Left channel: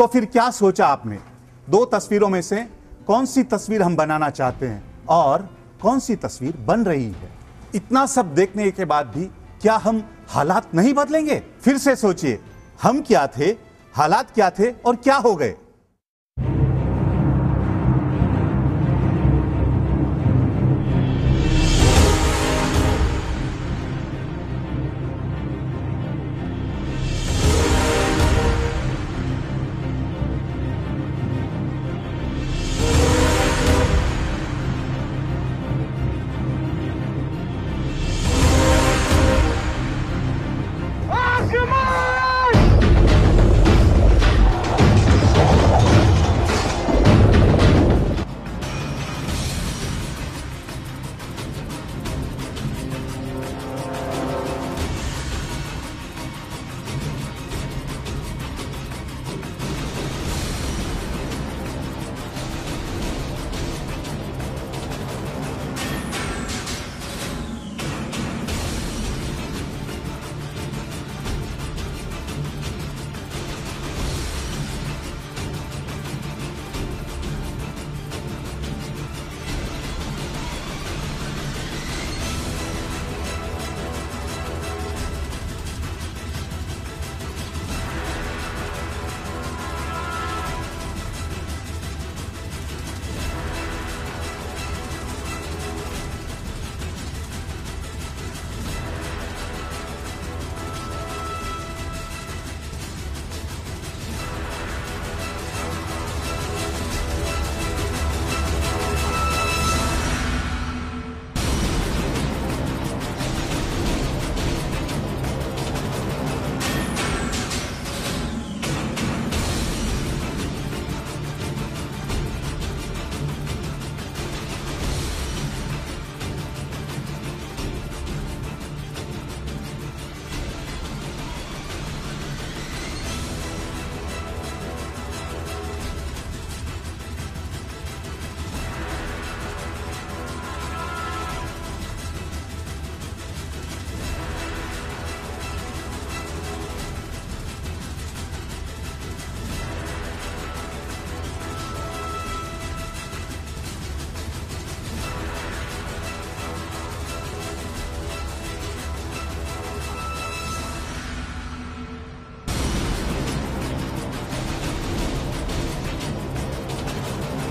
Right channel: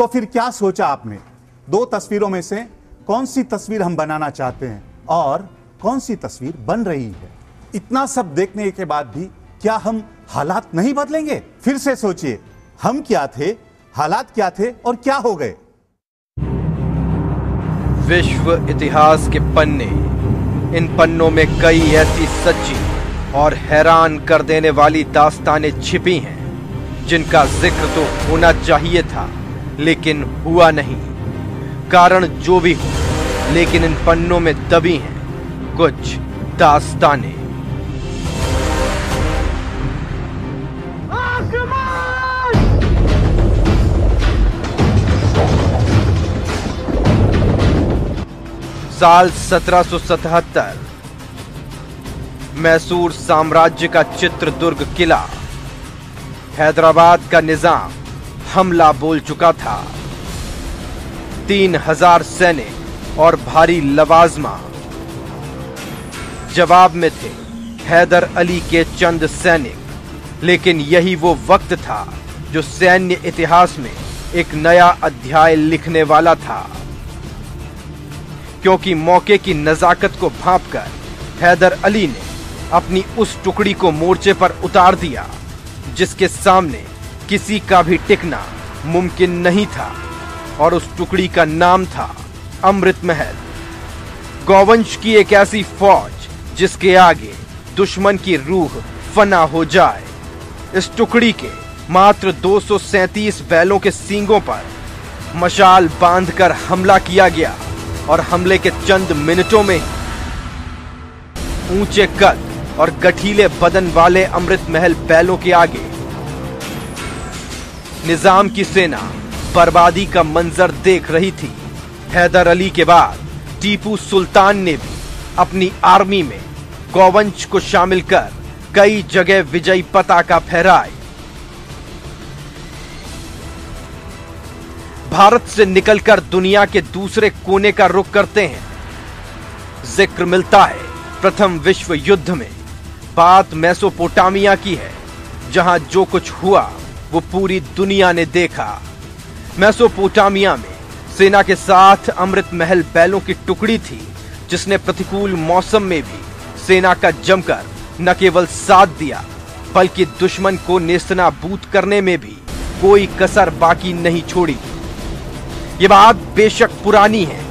तो फिर क्या सोचा आपने? दो तस्वीरों में से कौन सी तस्वीर हम बनाना चाहते हैं और कौन सी तस्वीर बन रही है? इतना सब देखने के बाद भी क्या हम हालात नहीं बदलेंगे? फिर से सोचिए, हम क्या थे, हालात क्या थे और क्या हो गए? विश्व इतिहास के पन्ने, इन पन्नों में कई ऐसी सच्ची और हैरान कर देने वाली दास्तानें छिपी हैं जिनका जिक्र तो होना चाहिए था लेकिन हुआ नहीं। कारण जो भी हो, लेकिन इन पन्नों में दबी हैं कुछ दास्तानें। साल 1777, मैसूर साम्राज्य का चित्रदुर्ग किला, हैदराबाद का निजाम हमला बोल चुका था। 3000 सैनिक और भारी लवाजमा। जवाब में थे हैदर अली के चंद सैनिक। लेकिन यही वो वक्त था जो सैन्य इतिहास में एक नया अध्याय लिखने वाला था, क्योंकि मौके की नजाकत को भांपकर हैदर अली ने अपनी उस टुकड़ी को मोर्चे पर उतार दिया जिसके सामने किसी का भी टिकना मुमकिन नहीं था, और उस टुकड़ी का नाम था अमृत महल। गौवंश की एक ऐसी फौज जिसके आगे दुश्मन की रूह फना हो जाए। इस टुकड़ी के मात्र 237 बैलों के सींगों पर मशाल बांधकर हमला किया गया, और हमले के चंद मिनटों में ऊंचे कद और गठीले बदन वाले अमृत महल बैलों के आगे निजाम की सेना बर्बादी का मंजर देख रही थी। हैदर अली के बाद टीपू सुल्तान ने भी अपनी आर्मी में गौवंश को शामिल कर कई जगह विजयी पताका फहराई। भारत से निकलकर दुनिया के दूसरे कोने का रुख करते हैं। जिक्र मिलता है प्रथम विश्व युद्ध में। बात मेसोपोटामिया की है, जहां जो कुछ हुआ वो पूरी दुनिया ने देखा। मेसोपोटामिया में सेना के साथ अमृत महल बैलों की टुकड़ी थी, जिसने प्रतिकूल मौसम में भी सेना का जमकर न केवल साथ दिया, बल्कि दुश्मन को नेस्तनाबूद करने में भी कोई कसर बाकी नहीं छोड़ी। ये बात बेशक पुरानी है,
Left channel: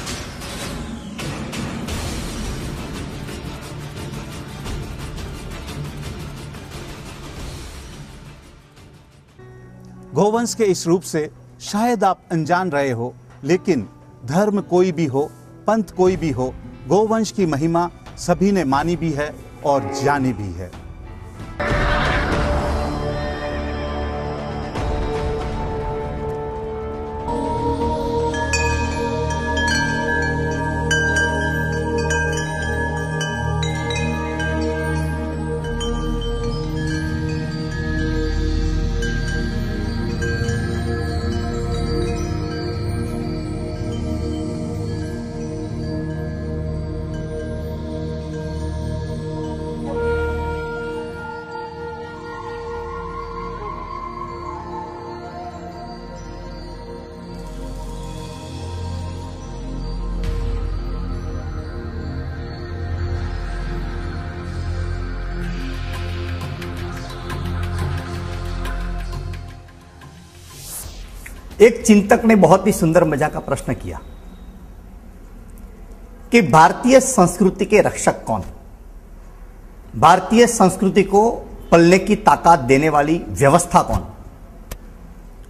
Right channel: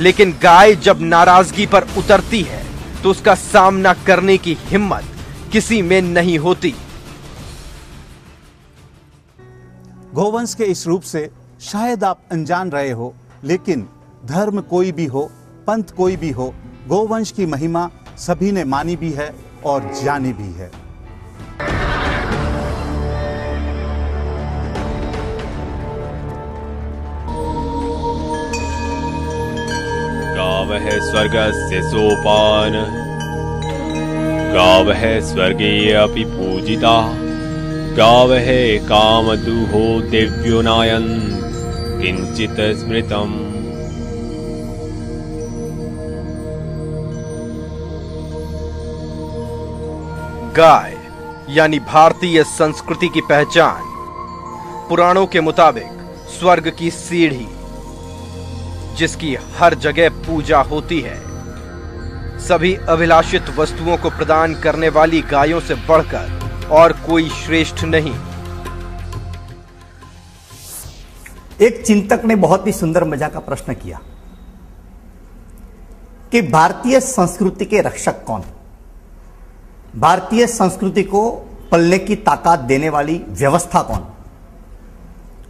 लेकिन गाय जब नाराजगी पर उतरती है तो उसका सामना करने की हिम्मत किसी में नहीं होती। गौवंश के इस रूप से शायद आप अनजान रहे हो, लेकिन धर्म कोई भी हो, पंथ कोई भी हो, गौवंश की महिमा सभी ने मानी भी है और जानी भी है। गावः स्वर्गस्य सोपान, गावः स्वर्गे अपि पूजिता, गावः कामदुहो दिव्यो नायन् किंचित स्मृतम्। गाय यानी भारतीय संस्कृति की पहचान। पुराणों के मुताबिक स्वर्ग की सीढ़ी, जिसकी हर जगह पूजा होती है। सभी अभिलाषित वस्तुओं को प्रदान करने वाली गायों से बढ़कर और कोई श्रेष्ठ नहीं। एक चिंतक ने बहुत ही सुंदर मजा का प्रश्न किया कि भारतीय संस्कृति के रक्षक कौन? भारतीय संस्कृति को पलने की ताकत देने वाली व्यवस्था कौन?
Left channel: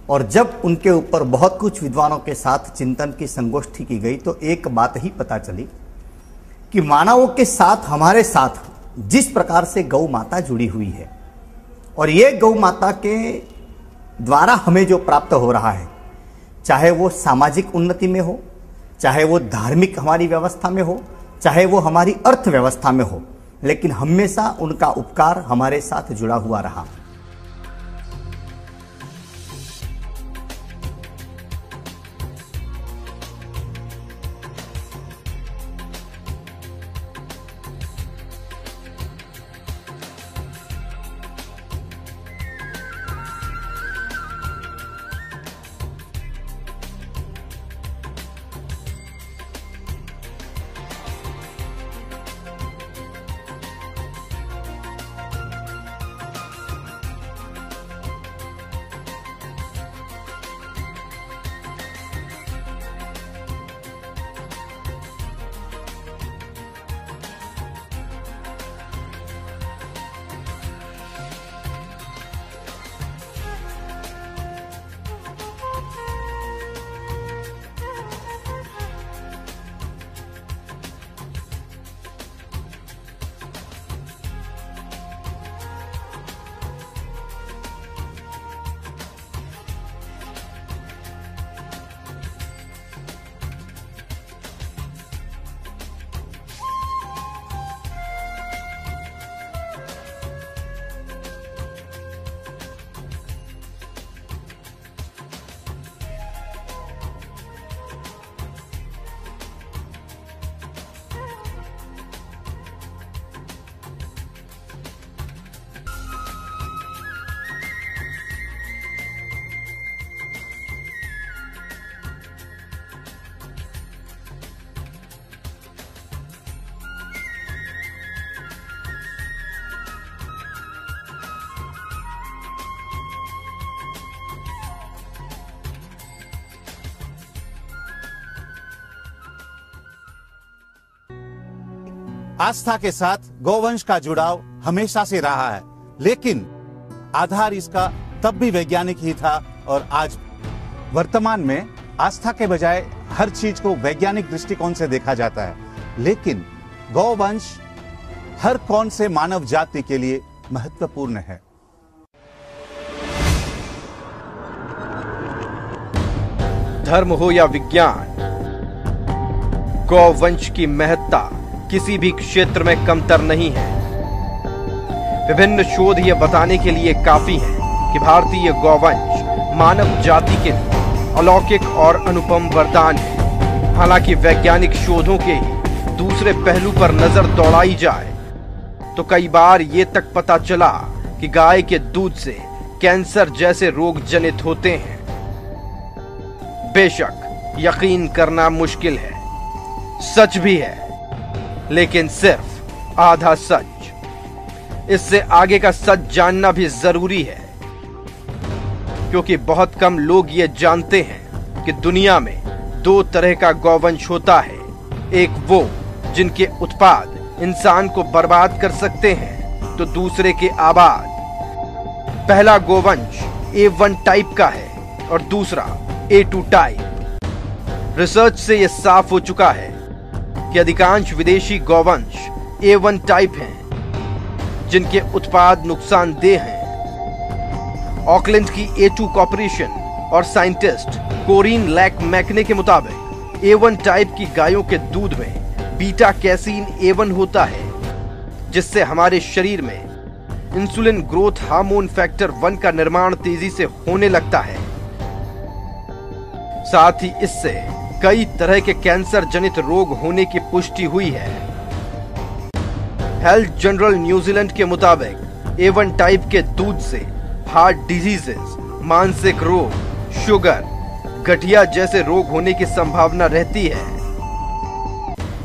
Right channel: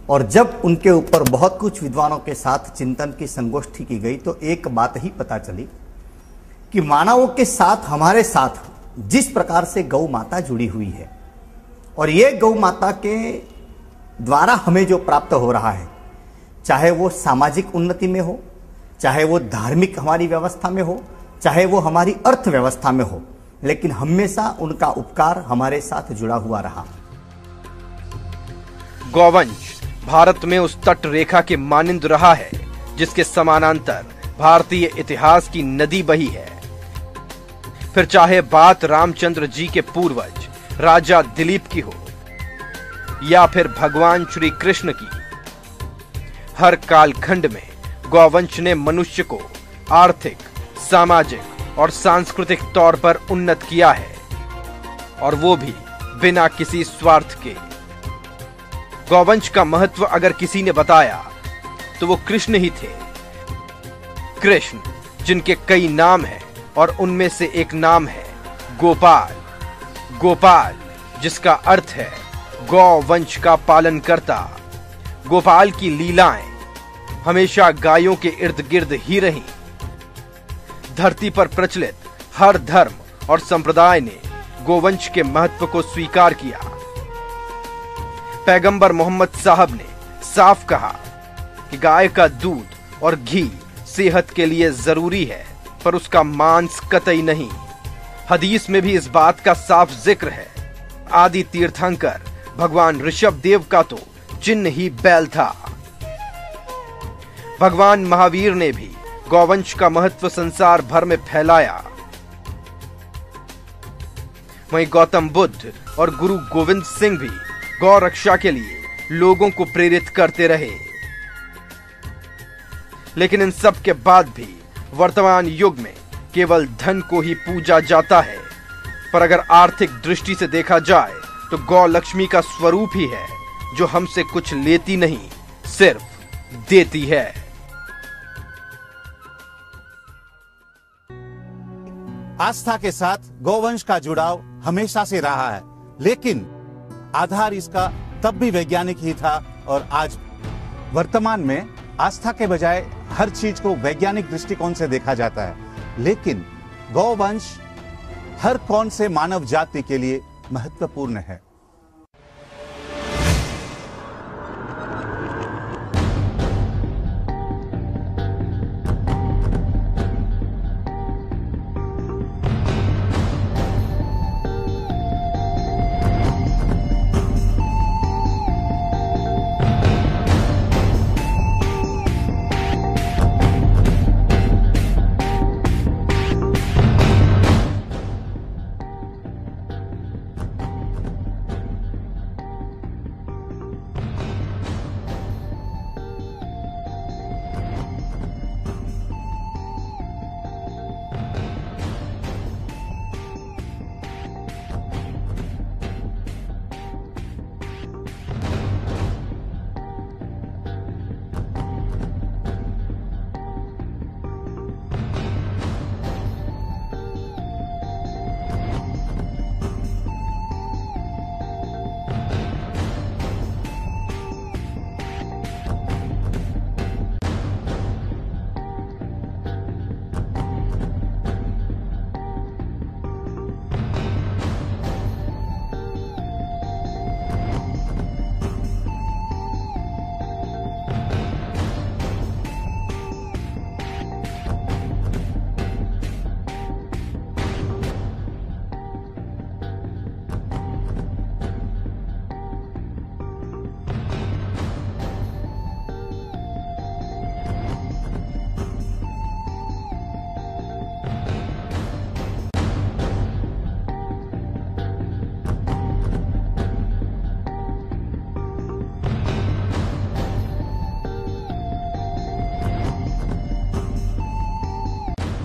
और जब उनके ऊपर बहुत कुछ विद्वानों के साथ चिंतन की संगोष्ठी की गई तो एक बात ही पता चली कि मानवों के साथ, हमारे साथ जिस प्रकार से गौ माता जुड़ी हुई है, और ये गौ माता के द्वारा हमें जो प्राप्त हो रहा है, चाहे वो सामाजिक उन्नति में हो, चाहे वो धार्मिक हमारी व्यवस्था में हो, चाहे वो हमारी अर्थव्यवस्था में हो, लेकिन हमेशा उनका उपकार हमारे साथ जुड़ा हुआ रहा। गौवंश भारत में उस तट रेखा के मानिंद रहा है जिसके समानांतर भारतीय इतिहास की नदी बही है। फिर चाहे बात रामचंद्र जी के पूर्वज राजा दिलीप की हो, या फिर भगवान श्री कृष्ण की, हर कालखंड में गौवंश ने मनुष्य को आर्थिक, सामाजिक और सांस्कृतिक तौर पर उन्नत किया है, और वो भी बिना किसी स्वार्थ के। गौवंश का महत्व अगर किसी ने बताया तो वो कृष्ण ही थे। कृष्ण, जिनके कई नाम हैं और उनमें से एक नाम है गोपाल। गोपाल, जिसका अर्थ है गौवंश का पालन करता। गोपाल की लीलाएं हमेशा गायों के इर्द गिर्द ही रही। धरती पर प्रचलित हर धर्म और संप्रदाय ने गोवंश के महत्व को स्वीकार किया। पैगंबर मोहम्मद साहब ने साफ कहा कि गाय का दूध और घी सेहत के लिए जरूरी है, पर उसका मांस कतई नहीं। हदीस में भी इस बात का साफ जिक्र है। आदि तीर्थंकर भगवान ऋषभ देव का तो चिन्ह ही बैल था। भगवान महावीर ने भी गौवंश का महत्व संसार भर में फैलाया। वहीं गौतम बुद्ध और गुरु गोविंद सिंह भी गौ रक्षा के लिए लोगों को प्रेरित करते रहे। लेकिन इन सब के बाद भी वर्तमान युग में केवल धन को ही पूजा जाता है। पर अगर आर्थिक दृष्टि से देखा जाए तो गौ लक्ष्मी का स्वरूप ही है, जो हमसे कुछ लेती नहीं, सिर्फ देती है। आस्था के साथ गौवंश का जुड़ाव हमेशा से रहा है, लेकिन आधार इसका तब भी वैज्ञानिक ही था, और आज वर्तमान में आस्था के बजाय हर चीज को वैज्ञानिक दृष्टिकोण से देखा जाता है। लेकिन गौवंश हर कौन से मानव जाति के लिए महत्वपूर्ण है। धर्म हो या विज्ञान, गौवंश की महत्ता किसी भी क्षेत्र में कमतर नहीं है। विभिन्न शोध ये बताने के लिए काफी है कि भारतीय गौवंश मानव जाति के अलौकिक और अनुपम वरदान है। हालांकि वैज्ञानिक शोधों के दूसरे पहलू पर नजर दौड़ाई जाए तो कई बार ये तक पता चला कि गाय के दूध से कैंसर जैसे रोग जनित होते हैं। बेशक यकीन करना मुश्किल है, सच भी है, लेकिन सिर्फ आधा सच। इससे आगे का सच जानना भी जरूरी है, क्योंकि बहुत कम लोग ये जानते हैं कि दुनिया में दो तरह का गौवंश होता है। एक वो जिनके उत्पाद इंसान को बर्बाद कर सकते हैं, तो दूसरे के आबाद। पहला गौवंश A1 टाइप का है और दूसरा A2 टाइप। रिसर्च से यह साफ हो चुका है कि अधिकांश विदेशी गौवंश A1 टाइप हैं, जिनके उत्पाद नुकसानदेह हैं। ऑकलैंड की A2 कॉर्पोरेशन और साइंटिस्ट कोरिन लैक मैकने के मुताबिक A1 टाइप की गायों के दूध में बीटा कैसीन A1 होता है, जिससे हमारे शरीर में इंसुलिन ग्रोथ हार्मोन फैक्टर 1 का निर्माण तेजी से होने लगता है। साथ ही इससे कई तरह के कैंसर जनित रोग होने की पुष्टि हुई है। हेल्थ जनरल न्यूजीलैंड के मुताबिक A1 टाइप के दूध से हार्ट डिजीजेस, मानसिक रोग, शुगर, गठिया जैसे रोग होने की संभावना रहती है।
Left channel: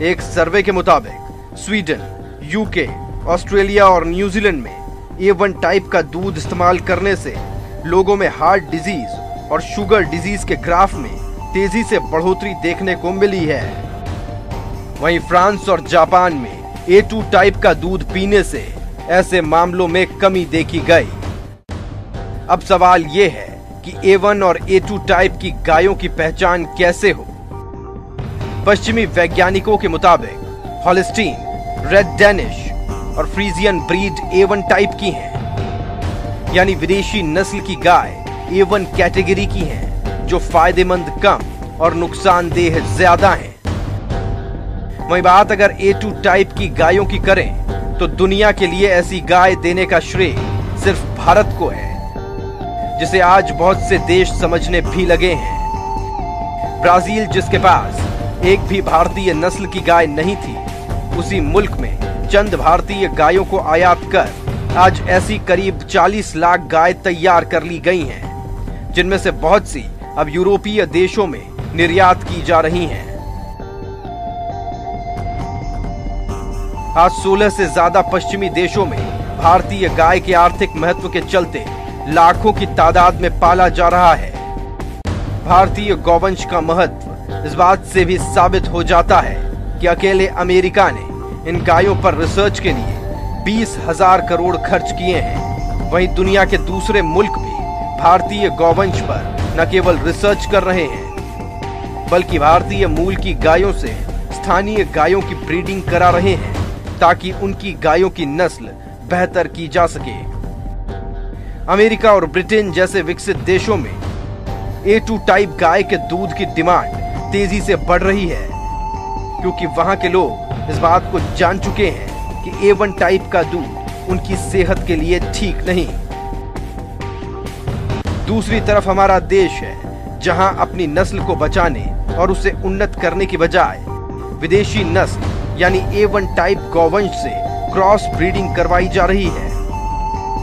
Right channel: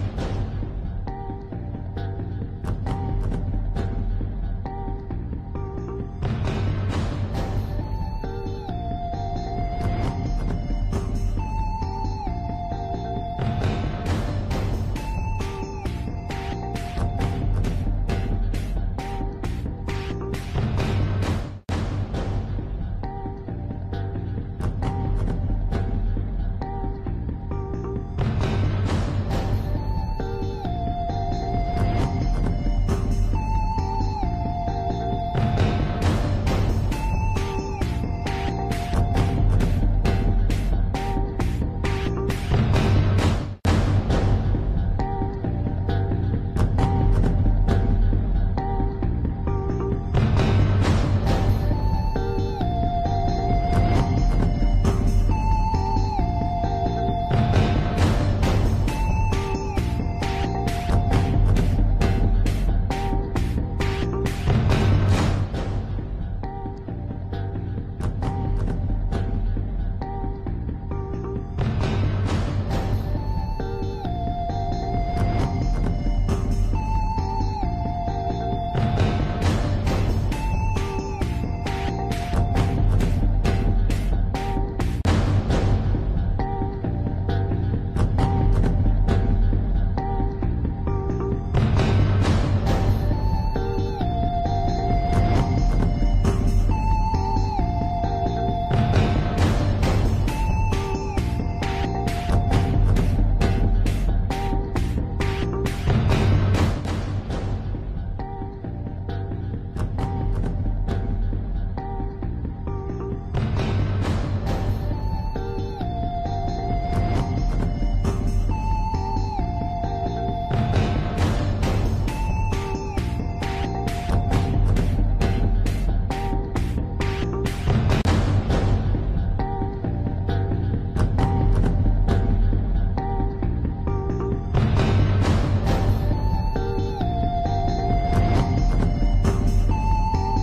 एक सर्वे के मुताबिक स्वीडन, यूके, ऑस्ट्रेलिया और न्यूजीलैंड में A1 टाइप का दूध इस्तेमाल करने से लोगों में हार्ट डिजीज और शुगर डिजीज के ग्राफ में तेजी से बढ़ोतरी देखने को मिली है। वहीं फ्रांस और जापान में A2 टाइप का दूध पीने से ऐसे मामलों में कमी देखी गई। अब सवाल ये है कि A1 और A2 टाइप की गायों की पहचान कैसे हो। पश्चिमी वैज्ञानिकों के मुताबिक हॉलिस्टीन, रेड डेनिश और फ्रीजियन ब्रीड A1 टाइप की हैं, यानी विदेशी नस्ल की गाय A1 कैटेगरी की हैं, जो फायदेमंद कम और नुकसानदेह ज्यादा हैं। वहीं बात अगर A2 टाइप की गायों की करें तो दुनिया के लिए ऐसी गाय देने का श्रेय सिर्फ भारत को है, जिसे आज बहुत से देश समझने भी लगे हैं। ब्राजील, जिसके पास एक भी भारतीय नस्ल की गाय नहीं थी, उसी मुल्क में चंद भारतीय गायों को आयात कर आज ऐसी करीब 40 लाख गाय तैयार कर ली गई हैं, जिनमें से बहुत सी अब यूरोपीय देशों में निर्यात की जा रही हैं। आज 16 से ज्यादा पश्चिमी देशों में भारतीय गाय के आर्थिक महत्व के चलते लाखों की तादाद में पाला जा रहा है। भारतीय गौवंश का महत्व इस बात से भी साबित हो जाता है कि अकेले अमेरिका ने इन गायों पर रिसर्च के लिए 20,000 करोड़ खर्च किए हैं। वहीं दुनिया के दूसरे मुल्क भी भारतीय गौवंश पर न केवल रिसर्च कर रहे हैं, बल्कि भारतीय मूल की गायों से स्थानीय गायों की ब्रीडिंग करा रहे हैं ताकि उनकी गायों की नस्ल बेहतर की जा सके। अमेरिका और ब्रिटेन जैसे विकसित देशों में A2 टाइप गाय के दूध की डिमांड तेजी से बढ़ रही है, क्योंकि वहां के लोग इस बात को जान चुके हैं कि A1 टाइप का दूध उनकी सेहत के लिए ठीक नहीं। दूसरी तरफ हमारा देश है जहां अपनी नस्ल को बचाने और उसे उन्नत करने की बजाय विदेशी नस्ल यानी A1 टाइप गौवंश से क्रॉस ब्रीडिंग करवाई जा रही है।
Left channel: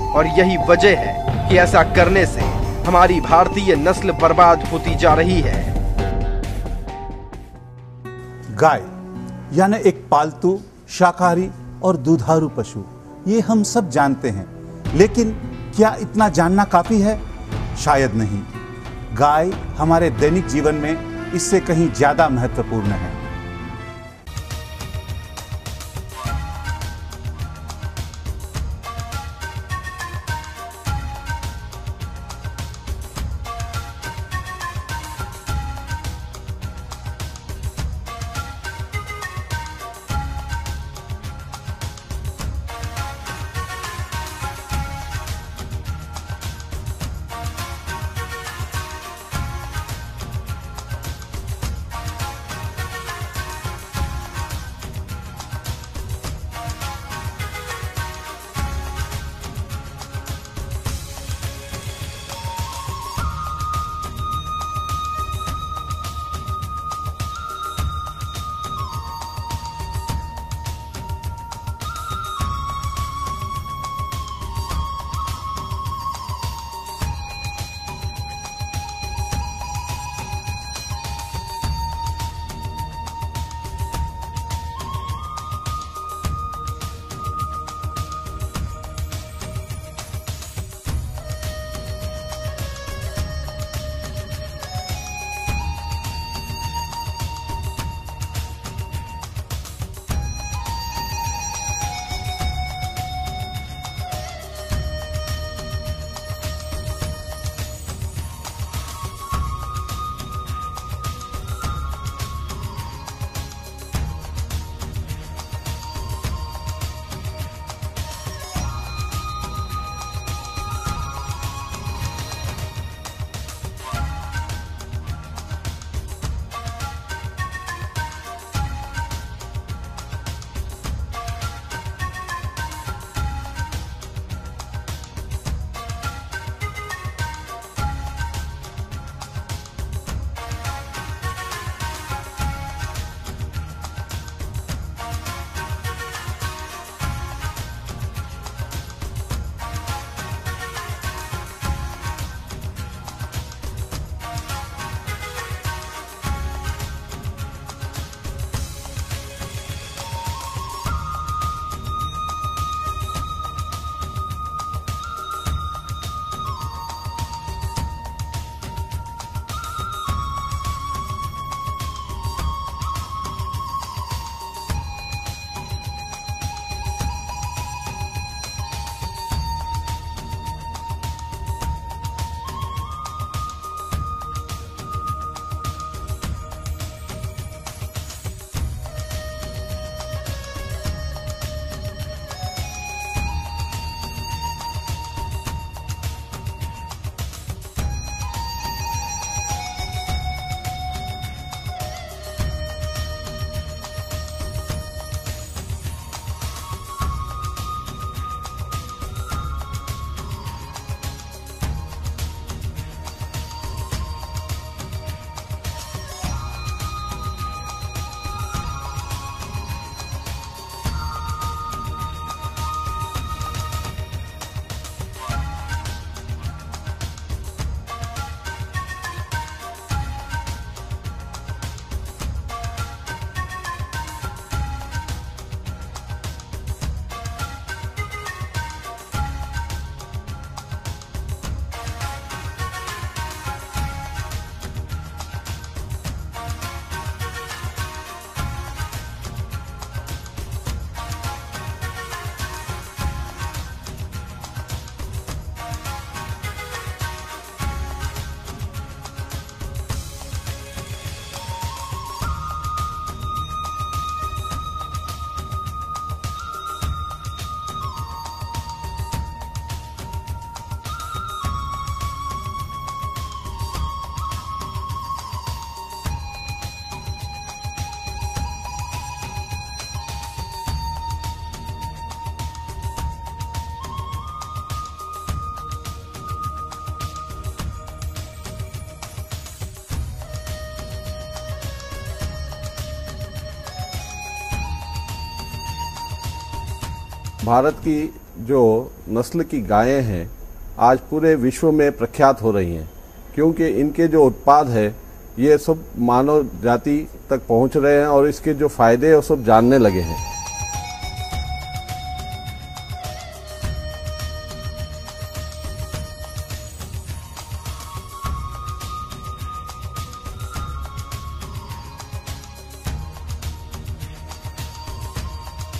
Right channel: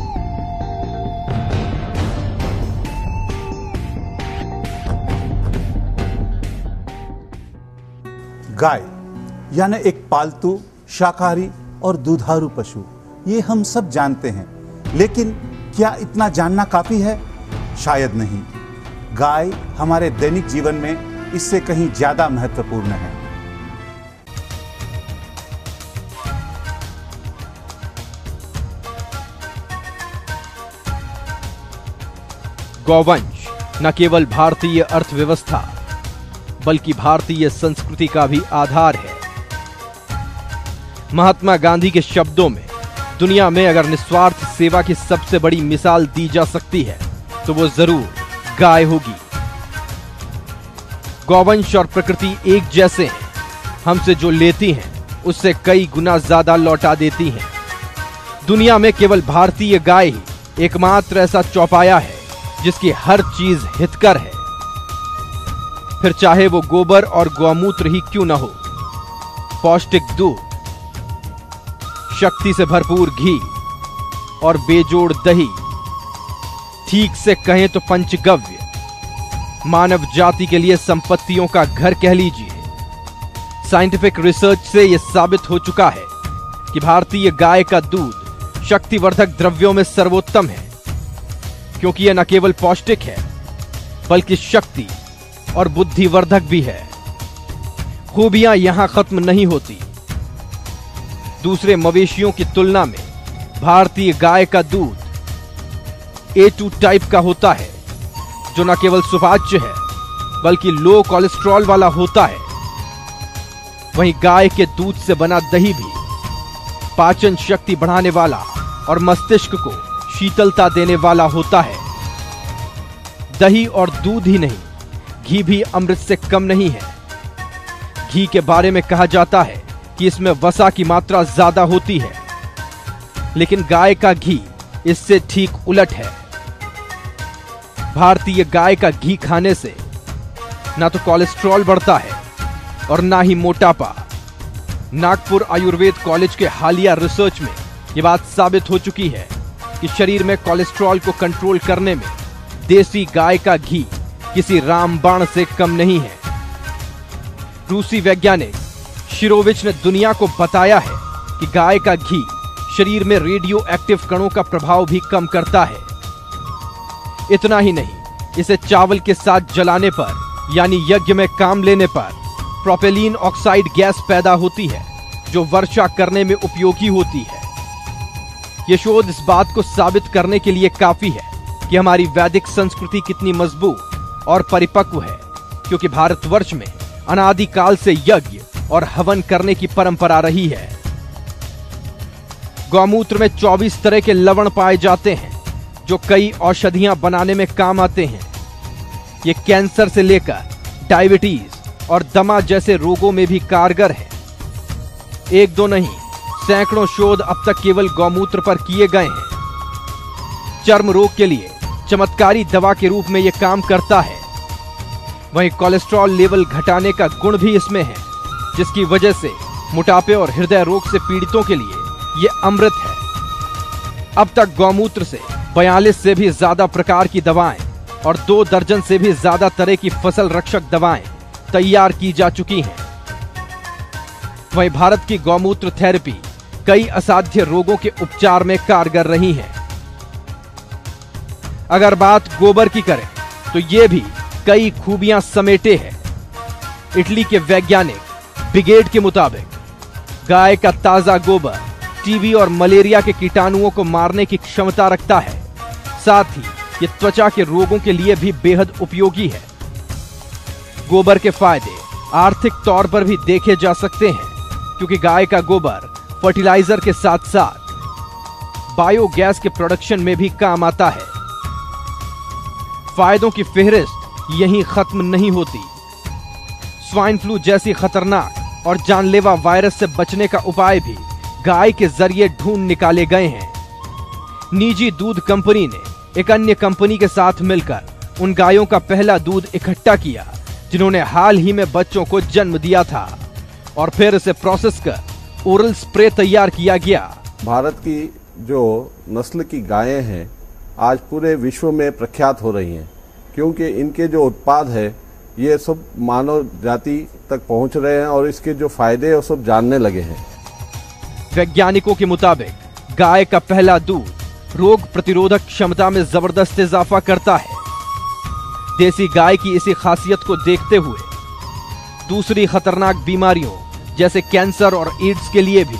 और यही वजह है कि ऐसा करने से हमारी भारतीय नस्ल बर्बाद होती जा रही है। गाय यानी एक पालतू, शाकाहारी और दुधारू पशु, ये हम सब जानते हैं, लेकिन क्या इतना जानना काफी है? शायद नहीं। गाय हमारे दैनिक जीवन में इससे कहीं ज्यादा महत्वपूर्ण है। गौवंश न केवल भारतीय अर्थव्यवस्था बल्कि भारतीय संस्कृति का भी आधार है। महात्मा गांधी के शब्दों में दुनिया में अगर निस्वार्थ सेवा की सबसे बड़ी मिसाल दी जा सकती है तो वो जरूर गाय होगी। गौवंश और प्रकृति एक जैसे हैं, हमसे जो लेती हैं उससे कई गुना ज्यादा लौटा देती हैं। दुनिया में केवल भारतीय गाय ही एकमात्र ऐसा चौपाया है जिसकी हर चीज हितकर है, फिर चाहे वो गोबर और गौमूत्र ही क्यों न हो। पौष्टिक दूध, शक्ति से भरपूर घी और बेजोड़ दही, ठीक से कहें तो पंचगव्य, मानव जाति के लिए संपत्तियों का घर कह लीजिए। साइंटिफिक रिसर्च से यह साबित हो चुका है कि भारतीय गाय का दूध शक्तिवर्धक द्रव्यों में सर्वोत्तम है, क्योंकि यह न केवल पौष्टिक है बल्कि शक्ति और बुद्धिवर्धक भी है। खूबियां यहां खत्म नहीं होती। दूसरे मवेशियों की तुलना में भारतीय गाय का दूध A2 टाइप का होता है, जो न केवल सुपाच्य है बल्कि लो कोलेस्ट्रॉल वाला होता है। वहीं गाय के दूध से बना दही भी पाचन शक्ति बढ़ाने वाला और मस्तिष्क को शीतलता देने वाला होता है। दही और दूध ही नहीं, घी भी अमृत से कम नहीं है। घी के बारे में कहा जाता है कि इसमें वसा की मात्रा ज्यादा होती है, लेकिन गाय का घी इससे ठीक उलट है। भारतीय गाय का घी खाने से ना तो कोलेस्ट्रॉल बढ़ता है और ना ही मोटापा। नागपुर आयुर्वेद कॉलेज के हालिया रिसर्च में यह बात साबित हो चुकी है कि शरीर में कोलेस्ट्रॉल को कंट्रोल करने में देसी गाय का घी किसी रामबाण से कम नहीं है। रूसी वैज्ञानिक शिरोविच ने दुनिया को बताया है कि गाय का घी शरीर में रेडियो एक्टिव कणों का प्रभाव भी कम करता है। इतना ही नहीं, इसे चावल के साथ जलाने पर यानी यज्ञ में काम लेने पर प्रोपेलीन ऑक्साइड गैस पैदा होती है, जो वर्षा करने में उपयोगी होती है। यह शोध इस बात को साबित करने के लिए काफी है कि हमारी वैदिक संस्कृति कितनी मजबूत और परिपक्व है, क्योंकि भारतवर्ष में अनादिकाल से यज्ञ और हवन करने की परंपरा रही है। गौमूत्र में 24 तरह के लवण पाए जाते हैं, जो कई औषधियां बनाने में काम आते हैं। ये कैंसर से लेकर डायबिटीज और दमा जैसे रोगों में भी कारगर है। एक दो नहीं, सैकड़ों शोध अब तक केवल गौमूत्र पर किए गए हैं। चर्म रोग के लिए चमत्कारी दवा के रूप में यह काम करता है। वहीं कोलेस्ट्रॉल लेवल घटाने का गुण भी इसमें है, जिसकी वजह से मोटापे और हृदय रोग से पीड़ितों के लिए यह अमृत है। अब तक गौमूत्र से 42 से भी ज्यादा प्रकार की दवाएं और 2 दर्जन से भी ज्यादा तरह की फसल रक्षक दवाएं तैयार की जा चुकी हैं। वहीं भारत की गौमूत्र थेरेपी कई असाध्य रोगों के उपचार में कारगर रही है। अगर बात गोबर की करें तो यह भी कई खूबियां समेटे है। इटली के वैज्ञानिक ब्रिगेड के मुताबिक गाय का ताजा गोबर टीबी और मलेरिया के कीटाणुओं को मारने की क्षमता रखता है। साथ ही ये त्वचा के रोगों के लिए भी बेहद उपयोगी है। गोबर के फायदे आर्थिक तौर पर भी देखे जा सकते हैं, क्योंकि गाय का गोबर फर्टिलाइजर के साथ साथ बायोगैस के प्रोडक्शन में भी काम आता है। फायदों की फेहरिस्त यहीं खत्म नहीं होती। स्वाइन फ्लू जैसी खतरनाक और जानलेवा वायरस से बचने का उपाय भी गाय के जरिए ढूंढ निकाले गए हैं। निजी दूध कंपनी ने एक अन्य कंपनी के साथ मिलकर उन गायों का पहला दूध इकट्ठा किया जिन्होंने हाल ही में बच्चों को जन्म दिया था, और फिर इसे प्रोसेस कर ओरल स्प्रे तैयार किया गया। भारत की जो नस्ल की गायें हैं आज पूरे विश्व में प्रख्यात हो रही हैं, क्योंकि इनके जो उत्पाद है ये सब मानव जाति तक पहुंच रहे हैं और इसके जो फायदे हैं वो सब जानने लगे हैं। वैज्ञानिकों के मुताबिक गाय का पहला दूध रोग प्रतिरोधक क्षमता में जबरदस्त इजाफा करता है। देसी गाय की इसी खासियत को देखते हुए दूसरी खतरनाक बीमारियों जैसे कैंसर और एड्स के लिए भी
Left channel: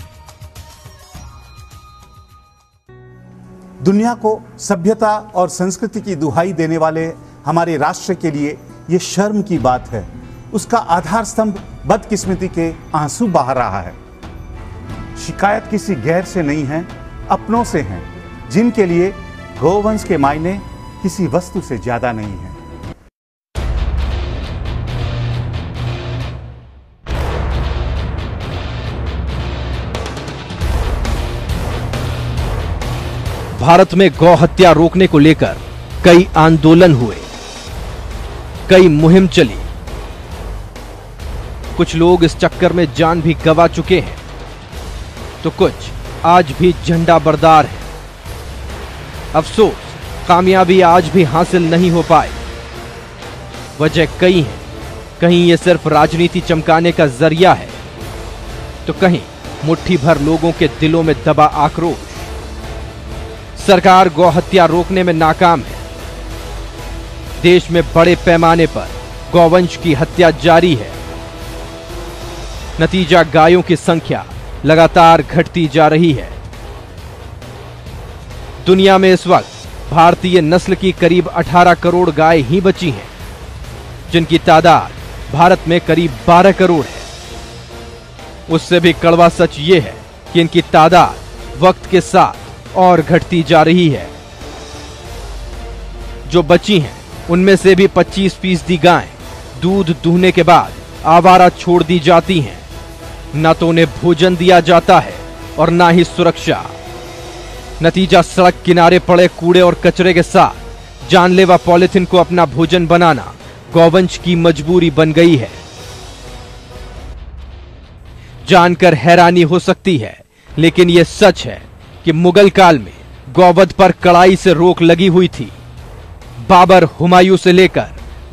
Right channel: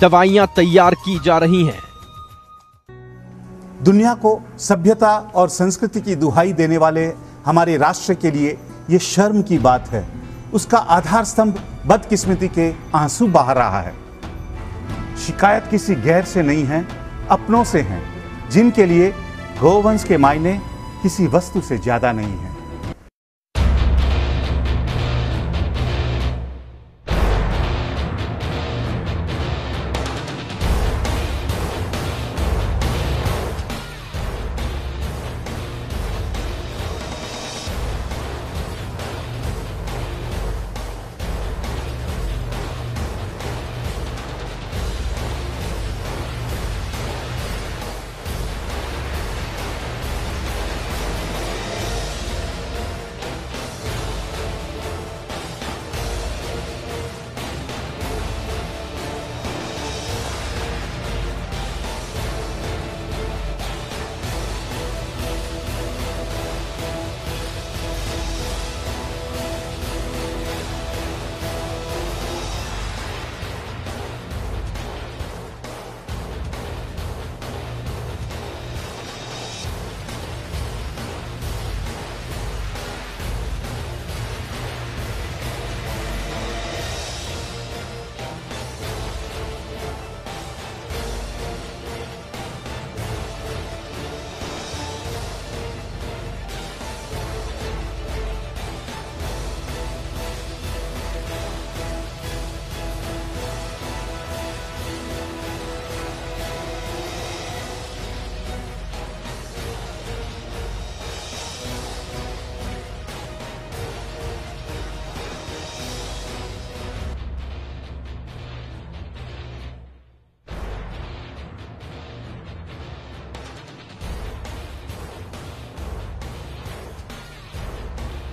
दवाइयां तैयार की जा रही हैं। दुनिया को सभ्यता और संस्कृति की दुहाई देने वाले हमारे राष्ट्र के लिए यह शर्म की बात है। उसका आधार स्तंभ बदकिस्मती के आंसू बहा रहा है। शिकायत किसी गैर से नहीं है, अपनों से हैं, जिनके लिए गोवंश के मायने किसी वस्तु से ज्यादा नहीं है। भारत में गौ हत्या रोकने को लेकर कई आंदोलन हुए, कई मुहिम चली। कुछ लोग इस चक्कर में जान भी गंवा चुके हैं, तो कुछ आज भी झंडा बरदार है। अफसोस कामयाबी आज भी हासिल नहीं हो पाई। वजह कई है, कहीं ये सिर्फ राजनीति चमकाने का जरिया है, तो कहीं मुट्ठी भर लोगों के दिलों में दबा आक्रोश। सरकार गौ हत्या रोकने में नाकाम है। देश में बड़े पैमाने पर गौवंश की हत्या जारी है। नतीजा गायों की संख्या लगातार घटती जा रही है। दुनिया में इस वक्त भारतीय नस्ल की करीब 18 करोड़ गाय ही बची हैं, जिनकी तादाद भारत में करीब 12 करोड़ है। उससे भी कड़वा सच ये है कि इनकी तादाद वक्त के साथ और घटती जा रही है। जो बची हैं उनमें से भी 25% गायें दूध दूहने के बाद आवारा छोड़ दी जाती हैं। न तो उन्हें भोजन दिया जाता है और ना ही सुरक्षा। नतीजा सड़क किनारे पड़े कूड़े और कचरे के साथ जानलेवा पॉलिथीन को अपना भोजन बनाना गौवंश की मजबूरी बन गई है। जानकर हैरानी हो सकती है, लेकिन यह सच है कि मुगल काल में गौवध पर कड़ाई से रोक लगी हुई थी। बाबर, हुमायूं से लेकर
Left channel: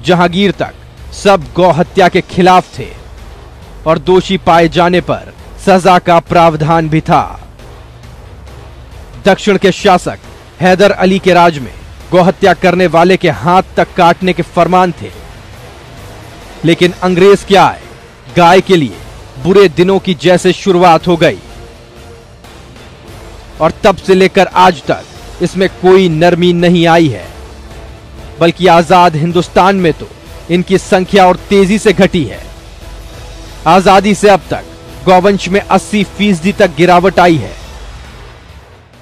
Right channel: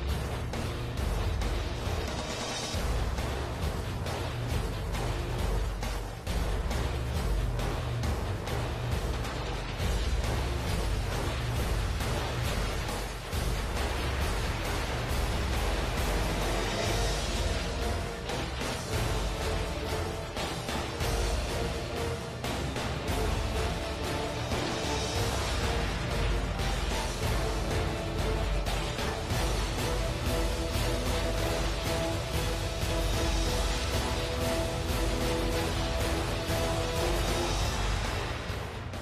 जहांगीर तक सब गौ हत्या के खिलाफ थे और दोषी पाए जाने पर सजा का प्रावधान भी था। दक्षिण के शासक हैदर अली के राज में गौहत्या करने वाले के हाथ तक काटने के फरमान थे। लेकिन अंग्रेज क्या आए, गाय के लिए बुरे दिनों की जैसे शुरुआत हो गई और तब से लेकर आज तक इसमें कोई नरमी नहीं आई है, बल्कि आजाद हिंदुस्तान में तो इनकी संख्या और तेजी से घटी है। आजादी से अब तक गौवंश में 80% तक गिरावट आई है।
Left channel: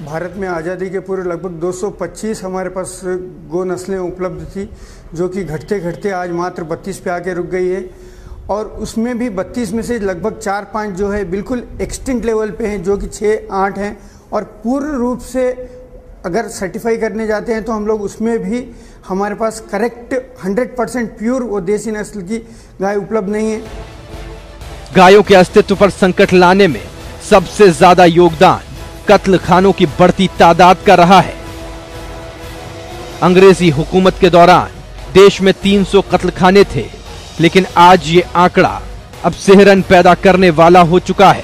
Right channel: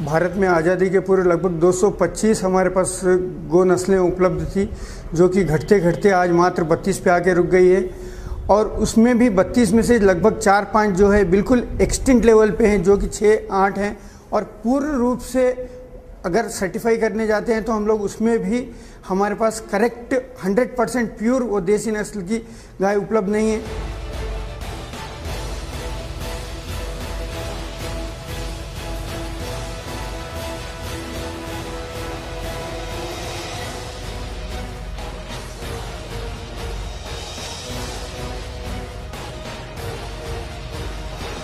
भारत में आज़ादी के पूर्व लगभग 225 हमारे पास गौ नस्लें उपलब्ध थी, जो कि घटते घटते आज मात्र 32 पे आके रुक गई है। और उसमें भी 32 में से लगभग 4-5 जो है बिल्कुल एक्सटिंक्ट लेवल पे हैं, जो कि 6-8 हैं। और पूर्ण रूप से अगर सर्टिफाई करने जाते हैं तो हम लोग उसमें भी हमारे पास करेक्ट 100% प्योर वो देसी नस्ल की गाय उपलब्ध नहीं है। गायों के अस्तित्व पर संकट लाने में सबसे ज्यादा योगदान कत्ल खानों की बढ़ती तादाद का रहा है। अंग्रेजी हुकूमत के दौरान देश में 300 कत्लखाने थे, लेकिन आज ये आंकड़ा अब सिहरन पैदा करने वाला हो चुका है।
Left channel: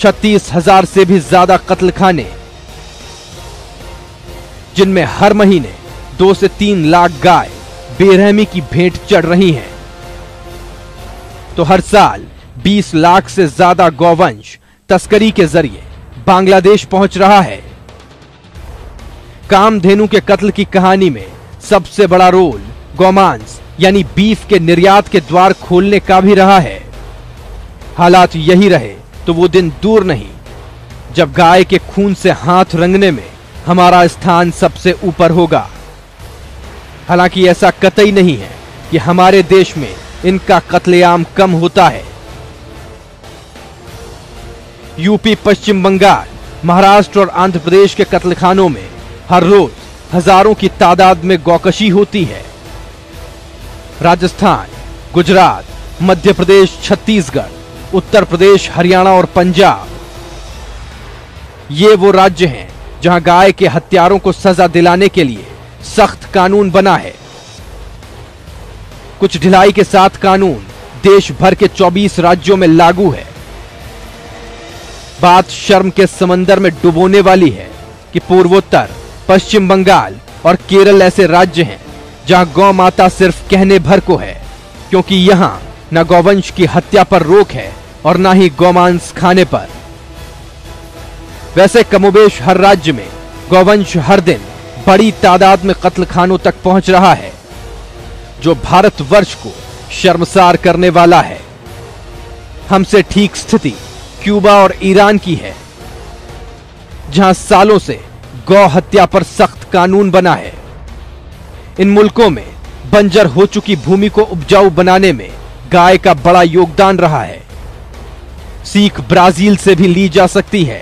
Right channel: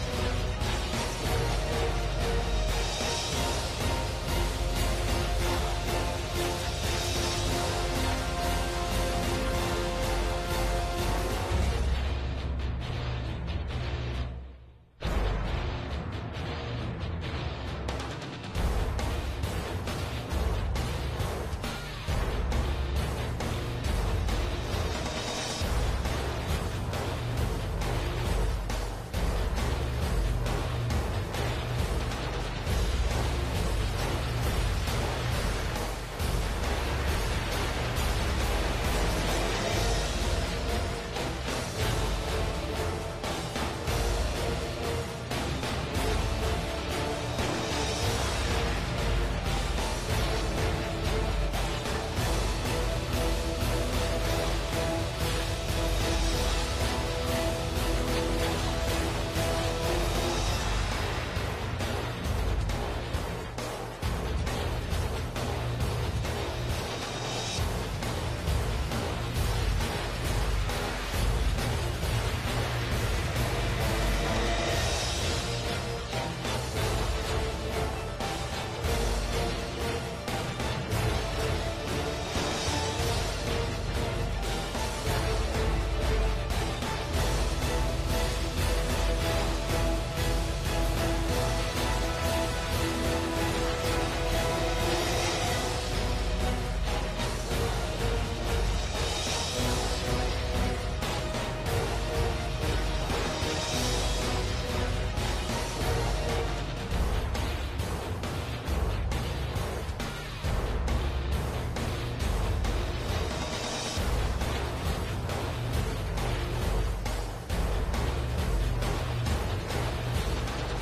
36,000 से भी ज्यादा कत्लखाने, जिनमें हर महीने 2 से 3 लाख गाय बेरहमी की भेंट चढ़ रही हैं। तो हर साल 20 लाख से ज्यादा गौवंश तस्करी के जरिए बांग्लादेश पहुंच रहा है। कामधेनु के कत्ल की कहानी में सबसे बड़ा रोल गौमांस यानी बीफ के निर्यात के द्वार खोलने का भी रहा है। हालात यही रहे तो वो दिन दूर नहीं जब गाय के खून से हाथ रंगने में हमारा स्थान सबसे ऊपर होगा। हालांकि ऐसा कतई नहीं है कि हमारे देश में इनका कत्लेआम कम होता है। यूपी, पश्चिम बंगाल, महाराष्ट्र और आंध्र प्रदेश के कत्लखानों में हर रोज हजारों की तादाद में गौकशी होती है। राजस्थान, गुजरात, मध्य प्रदेश, छत्तीसगढ़, उत्तर प्रदेश, हरियाणा और पंजाब, ये वो राज्य हैं जहां गाय के हत्यारों को सजा दिलाने के लिए सख्त कानून बना है। कुछ ढिलाई के साथ कानून देश भर के 24 राज्यों में लागू है। बात शर्म के समंदर में डुबोने वाली है कि पूर्वोत्तर, पश्चिम बंगाल और केरल ऐसे राज्य हैं जहां गौ माता सिर्फ कहने भर को है, क्योंकि यहां न गौवंश की हत्या पर रोक है और न ही गौमांस खाने पर। वैसे कमोबेश हर राज्य में गौवंश हर दिन बड़ी तादाद में कत्लखानों तक पहुंच रहा है, जो भारतवर्ष को शर्मसार करने वाला है। हमसे ठीक स्थिति क्यूबा और ईरान की है, जहां सालों से गौ हत्या पर सख्त कानून बना है। इन मुल्कों में बंजर हो चुकी भूमि को उपजाऊ बनाने में गाय का बड़ा योगदान रहा है। सीख ब्राजील से भी ली जा सकती है।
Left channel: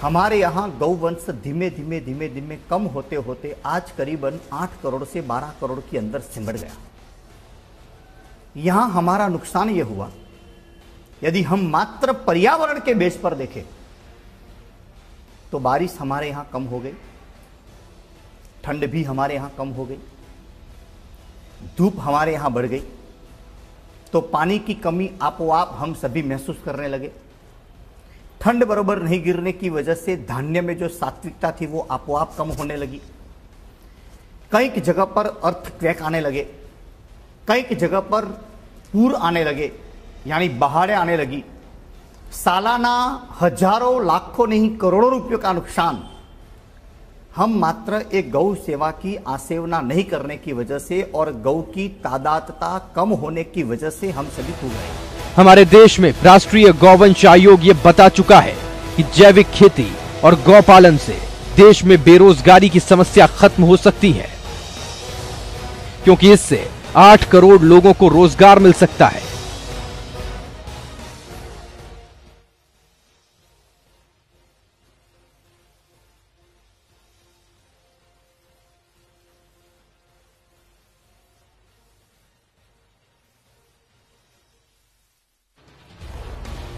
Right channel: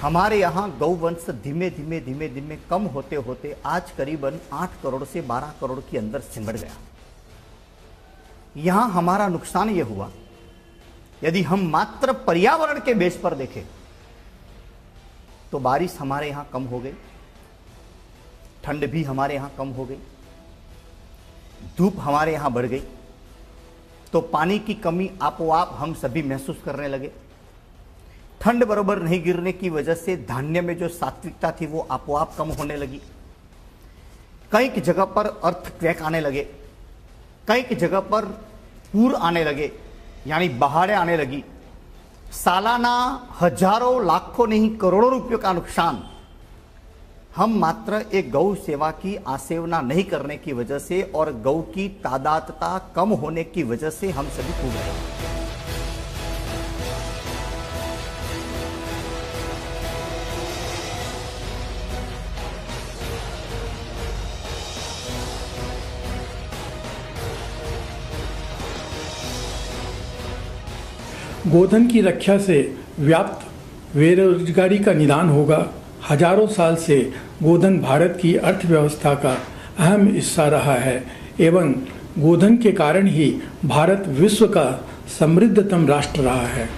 हमारे यहाँ गौवंश धीमे धीमे कम होते होते आज करीबन 8 करोड़ से 12 करोड़ के अंदर सिमट गया। यहां हमारा नुकसान यह हुआ, यदि हम मात्र पर्यावरण के बेस पर देखें तो बारिश हमारे यहां कम हो गई, ठंड भी हमारे यहां कम हो गई, धूप हमारे यहां बढ़ गई, तो पानी की कमी आपो-आप हम सभी महसूस करने लगे। ठंड बराबर नहीं गिरने की वजह से धान्य में जो सात्विकता थी वो आपो-आप कम होने लगी। कई जगह पर अर्थक्वेक आने लगे, कई जगह पर पूर आने लगे, यानी बाढ़ें आने लगी। सालाना हजारों लाखों नहीं करोड़ों रुपयों का नुकसान हम मात्र एक गौ सेवा की आसेवना नहीं करने की वजह से और गौ की तादादता कम होने की वजह से हम सभी भोग रहे हैं। हमारे देश में राष्ट्रीय गौवंश आयोग ये बता चुका है कि जैविक खेती और गौपालन से देश में बेरोजगारी की समस्या खत्म हो सकती है, क्योंकि इससे 8 करोड़ लोगों को रोजगार मिल सकता है। गोधन की रक्षा से व्याप्त बेरोजगारी का निदान होगा। हजारों साल से गोधन भारत की अर्थव्यवस्था का अहम हिस्सा रहा है एवं गोधन के कारण ही भारत विश्व का समृद्धतम राष्ट्र रहा है।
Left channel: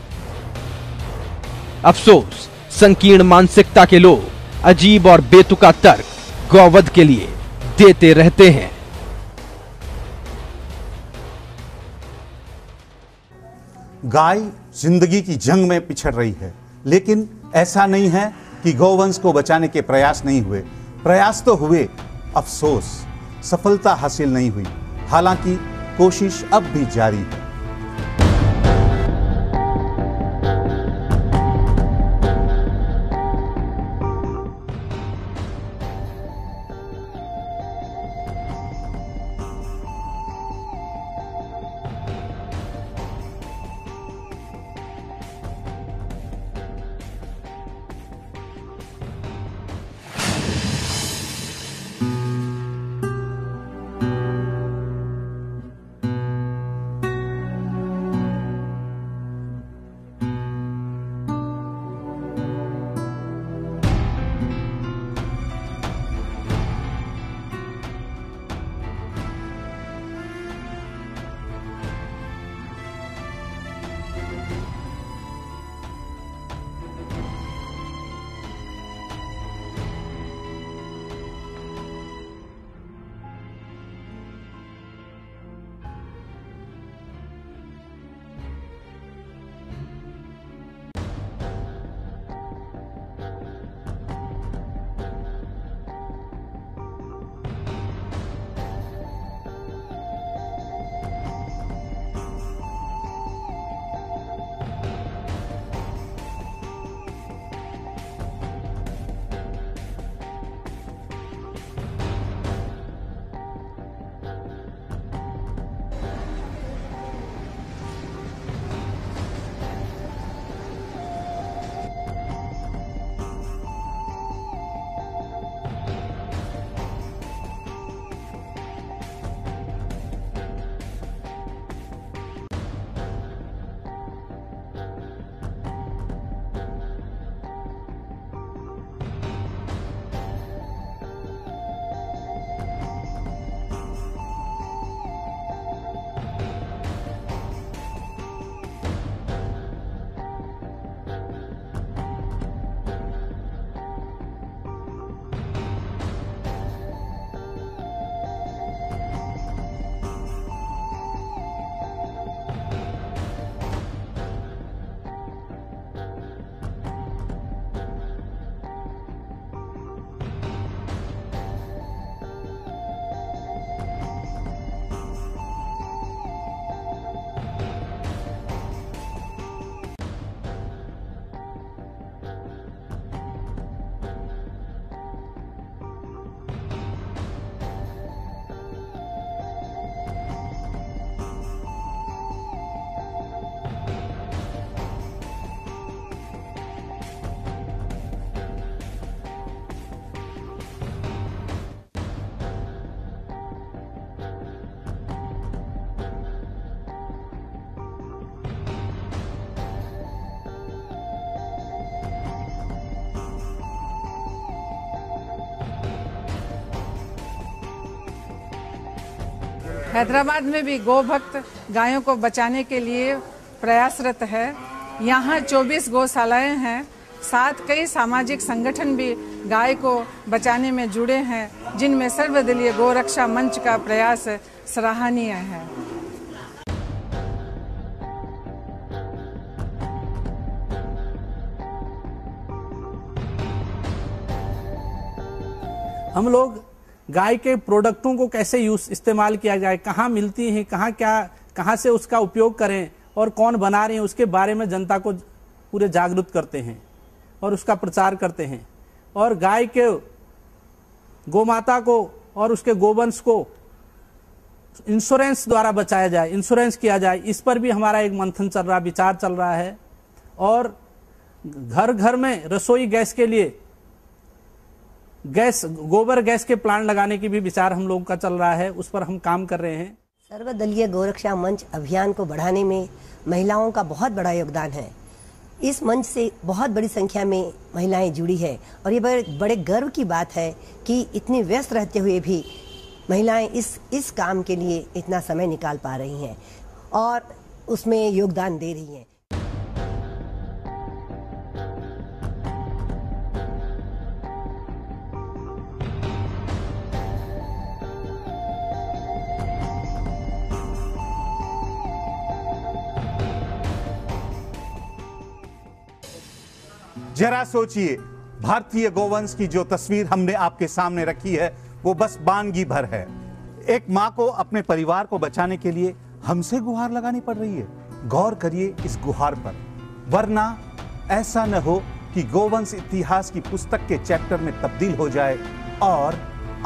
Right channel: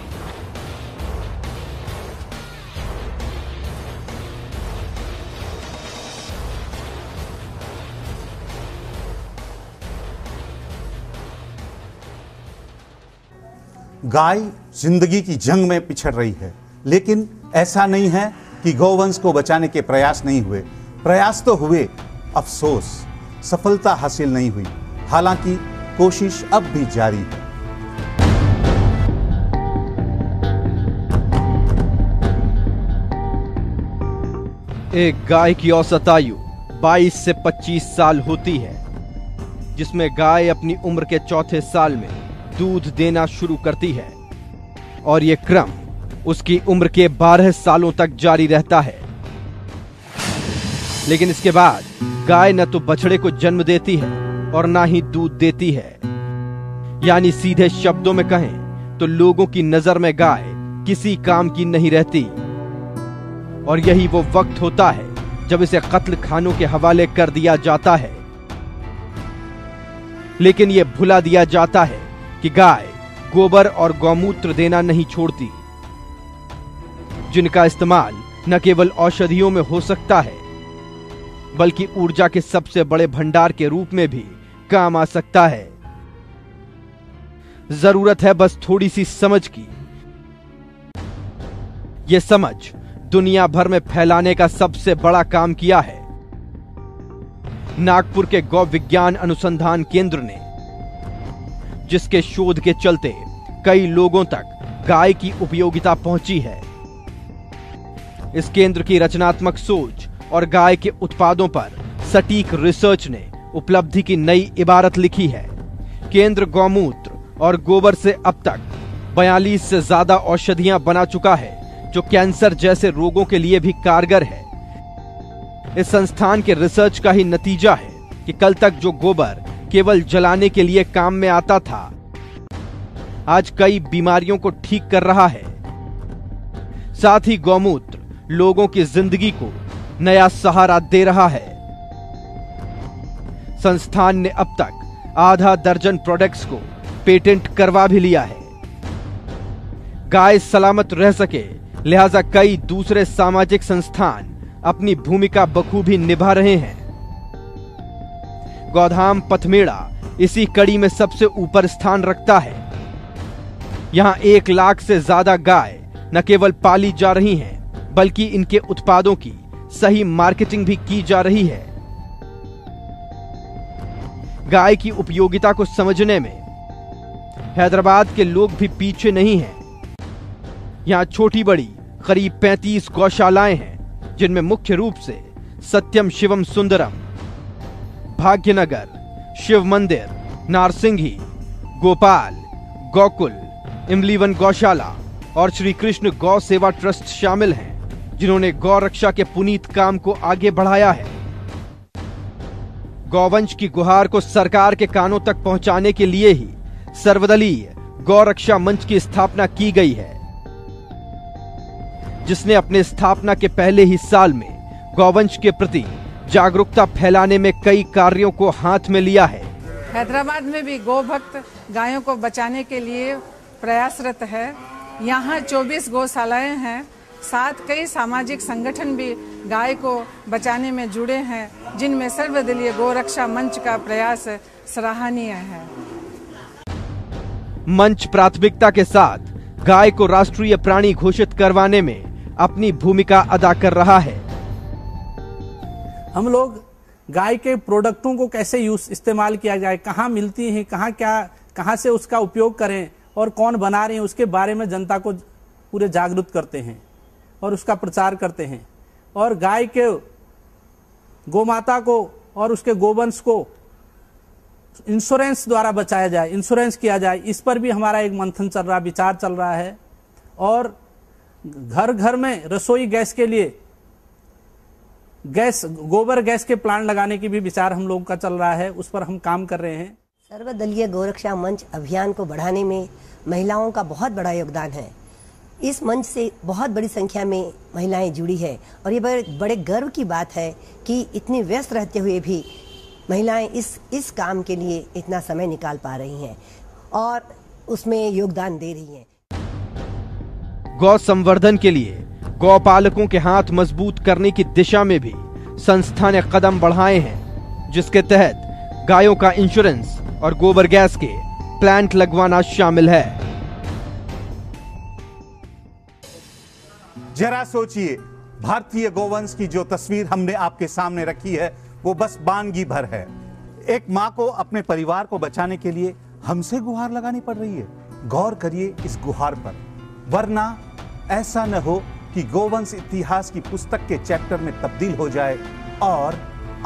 अफसोस, संकीर्ण मानसिकता के लोग अजीब और बेतुका तर्क गौवध के लिए देते रहते हैं। गाय जिंदगी की जंग में पिछड़ रही है, लेकिन ऐसा नहीं है कि गौवंश को बचाने के प्रयास नहीं हुए। प्रयास तो हुए, अफसोस सफलता हासिल नहीं हुई। हालांकि कोशिश अब भी जारी है। एक गाय की औसत आयु 22 से 25 साल होती है, जिसमें गाय अपनी उम्र के चौथे साल में दूध देना शुरू करती है और ये क्रम उसकी उम्र के 12 सालों तक जारी रहता है। लेकिन इसके बाद गाय न तो बछड़े को जन्म देती है और ना ही दूध देती है। यानी सीधे शब्दों में कहें तो लोगों की नजर में गाय किसी काम की नहीं रहती। और यही वो वक्त होता है जब इसे कत्ल खानों के हवाले कर दिया जाता है। लेकिन यह भुला दिया जाता है कि गाय गोबर और गौमूत्र देना नहीं छोड़ती, जिनका इस्तेमाल न केवल औषधियों में हो सकता है बल्कि ऊर्जा के सबसे बड़े भंडार के रूप में भी काम आ सकता है। जरूरत है बस थोड़ी सी समझ की। यह समझ दुनिया भर में फैलाने का सबसे बड़ा काम किया है नागपुर के गौ विज्ञान अनुसंधान केंद्र ने, जिसके शोध के चलते कई लोगों तक गाय की उपयोगिता पहुंची है। इस केंद्र की रचनात्मक सोच और गाय के उत्पादों पर सटीक रिसर्च ने उपलब्धि की नई इबारत लिखी है। केंद्र गौमूत्र और गोबर से अब तक 42 से ज्यादा औषधियां बना चुका है, जो कैंसर जैसे रोगों के लिए भी कारगर है। इस संस्थान के रिसर्च का ही नतीजा है कि कल तक जो गोबर केवल जलाने के लिए काम में आता था, आज कई बीमारियों को ठीक कर रहा है। साथ ही गौमूत्र लोगों की जिंदगी को नया सहारा दे रहा है। संस्थान ने अब तक आधा दर्जन प्रोडक्ट्स को पेटेंट करवा भी लिया है। गाय सलामत रह सके, लिहाजा कई दूसरे सामाजिक संस्थान अपनी भूमिका बखूबी निभा रहे हैं। गौधाम पथमेड़ा इसी कड़ी में सबसे ऊपर स्थान रखता है। यहां 1 लाख से ज्यादा गाय न केवल पाली जा रही हैं, बल्कि इनके उत्पादों की सही मार्केटिंग भी की जा रही है। गाय की उपयोगिता को समझने में हैदराबाद के लोग भी पीछे नहीं हैं। यहां छोटी बड़ी करीब 35 गौशालाएं हैं, जिनमें मुख्य रूप से सत्यम शिवम सुंदरम, भाग्यनगर, शिव मंदिर, नारसिंघी, गोपाल, गोकुल, इमलीवन गौशाला और श्री कृष्ण गौ सेवा ट्रस्ट शामिल हैं, जिन्होंने गौ रक्षा के पुनीत काम को आगे बढ़ाया है। गौवंश की गुहार को सरकार के कानों तक पहुंचाने के लिए ही सर्वदलीय गौ रक्षा मंच की स्थापना की गई है, जिसने अपने स्थापना के पहले ही साल में गौवंश के प्रति जागरूकता फैलाने में कई कार्यों को हाथ में लिया है। हैदराबाद में भी गौ भक्त गायों को बचाने के लिए प्रयासरत है। यहाँ 24 गौशालाएं हैं। साथ कई सामाजिक संगठन भी गाय को बचाने में जुड़े हैं, जिनमें सर्वदलीय गौरक्षा मंच का प्रयास सराहनीय है। मंच प्राथमिकता के साथ गाय को राष्ट्रीय प्राणी घोषित करवाने में अपनी भूमिका अदा कर रहा है। हम लोग गाय के प्रोडक्टों को कैसे इस्तेमाल किया जाए, कहाँ मिलती हैं, कहाँ से उसका उपयोग करें और कौन बना रहे हैं, उसके बारे में जनता को पूरे जागरूक करते हैं और उसका प्रचार करते हैं। और गाय के गोमाता को और उसके गोवंश को इंश्योरेंस द्वारा बचाया जाए, इंश्योरेंस किया जाए, इस पर भी हमारा एक मंथन चल रहा, विचार चल रहा है। और घर घर में रसोई गैस के लिए गोबर गैस के प्लांट लगाने की भी विचार हम लोगों का चल रहा है, उस पर हम काम कर रहे हैं। सर्वदलीय गौरक्षा मंच अभियान को बढ़ाने में महिलाओं का बहुत बड़ा योगदान है। इस मंच से बहुत बड़ी संख्या में महिलाएं जुड़ी है और ये बड़े गर्व की बात है कि इतनी व्यस्त रहते हुए भी महिलाएं इस काम के लिए इतना समय निकाल पा रही हैं और उसमें योगदान दे रही हैं। गौ संवर्धन के लिए गौपालकों के हाथ मजबूत करने की दिशा में भी संस्था ने कदम बढ़ाए हैं, जिसके तहत गायों का इंश्योरेंस और गोबर गैस के प्लांट लगवाना शामिल है। जरा सोचिए, भारतीय गोवंश की जो तस्वीर हमने आपके सामने रखी है वो बस बानगी भर है। एक माँ को अपने परिवार को बचाने के लिए हमसे गुहार लगानी पड़ रही है। गौर करिए इस गुहार पर, वरना ऐसा न हो कि गोवंश इतिहास की पुस्तक के चैप्टर में तब्दील हो जाए और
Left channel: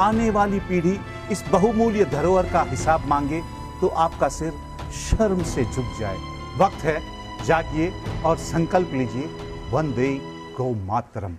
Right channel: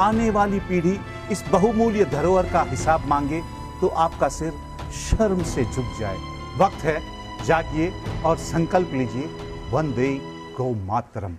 आने वाली पीढ़ी इस बहुमूल्य धरोहर का हिसाब मांगे तो आपका सिर शर्म से झुक जाए। वक्त है, जागिए और संकल्प लीजिए, वंदे गौ मातरम।